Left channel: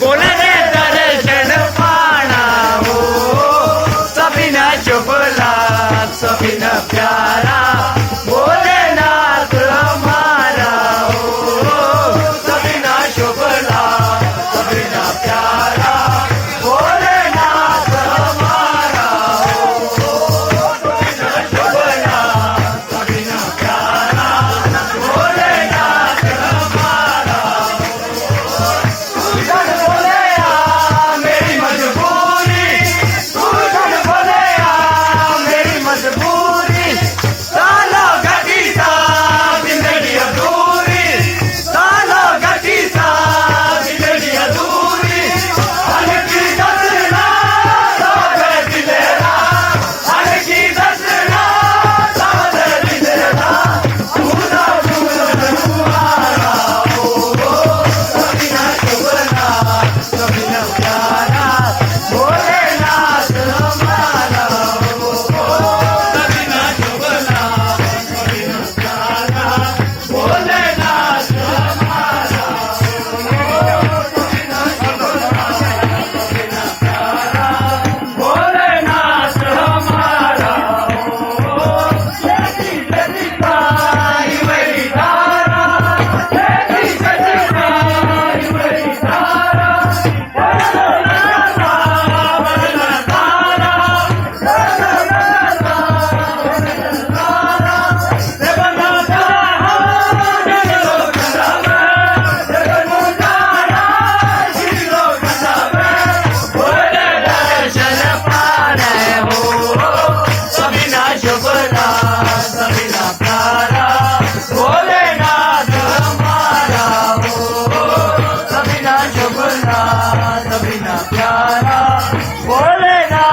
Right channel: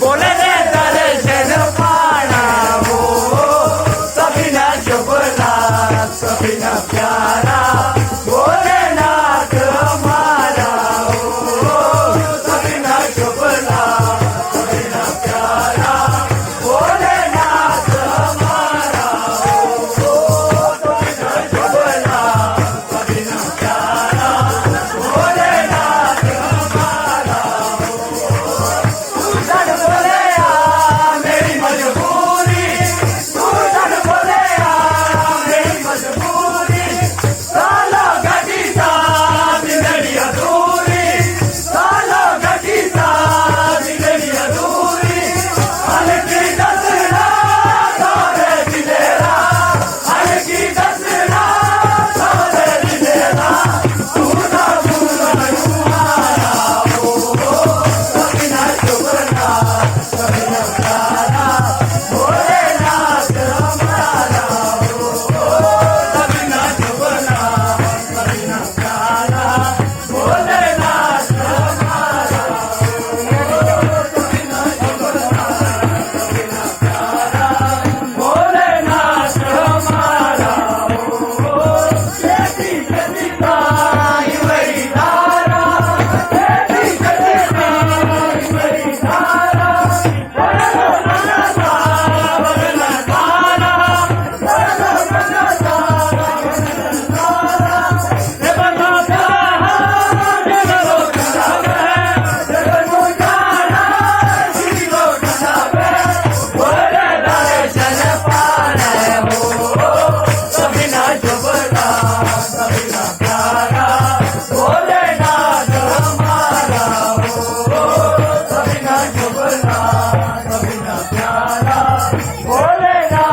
बोलने दर्शन पाना हो सभी न चुपला सभी न प्यारा भोलेनाथ हमारा हो सभी न चुपला सभी न प्यारा भोलेनाथ हमारा हो सभी न चुपला सभी न प्यारा भोलेनाथ हमारा मेरी मजबूरी तू झूठ बोले मेरी मजबूरी साला घटी सा जिंदगी अधूरी साला घटी सा जिंदगी अधूरी हल्की दसना सारे दिलेरा हल्की दसना सारे दिलेरा तू ना तुम्हारा हो सभी ना चुगला सभी न प्यारा भोलेनाथ हमारा हो सभी न चुगला सभी न प्यारा भोलेनाथ हमारा हो सभी न चुगला सभी न प्यारा भोलेनाथ हमारा हो खेती खेती पाई वही धारा खेती खेती पाई वही धारा भोलेनाथ हमारा हो सभी ना चुगला सभी ना प्यारा भोलेनाथ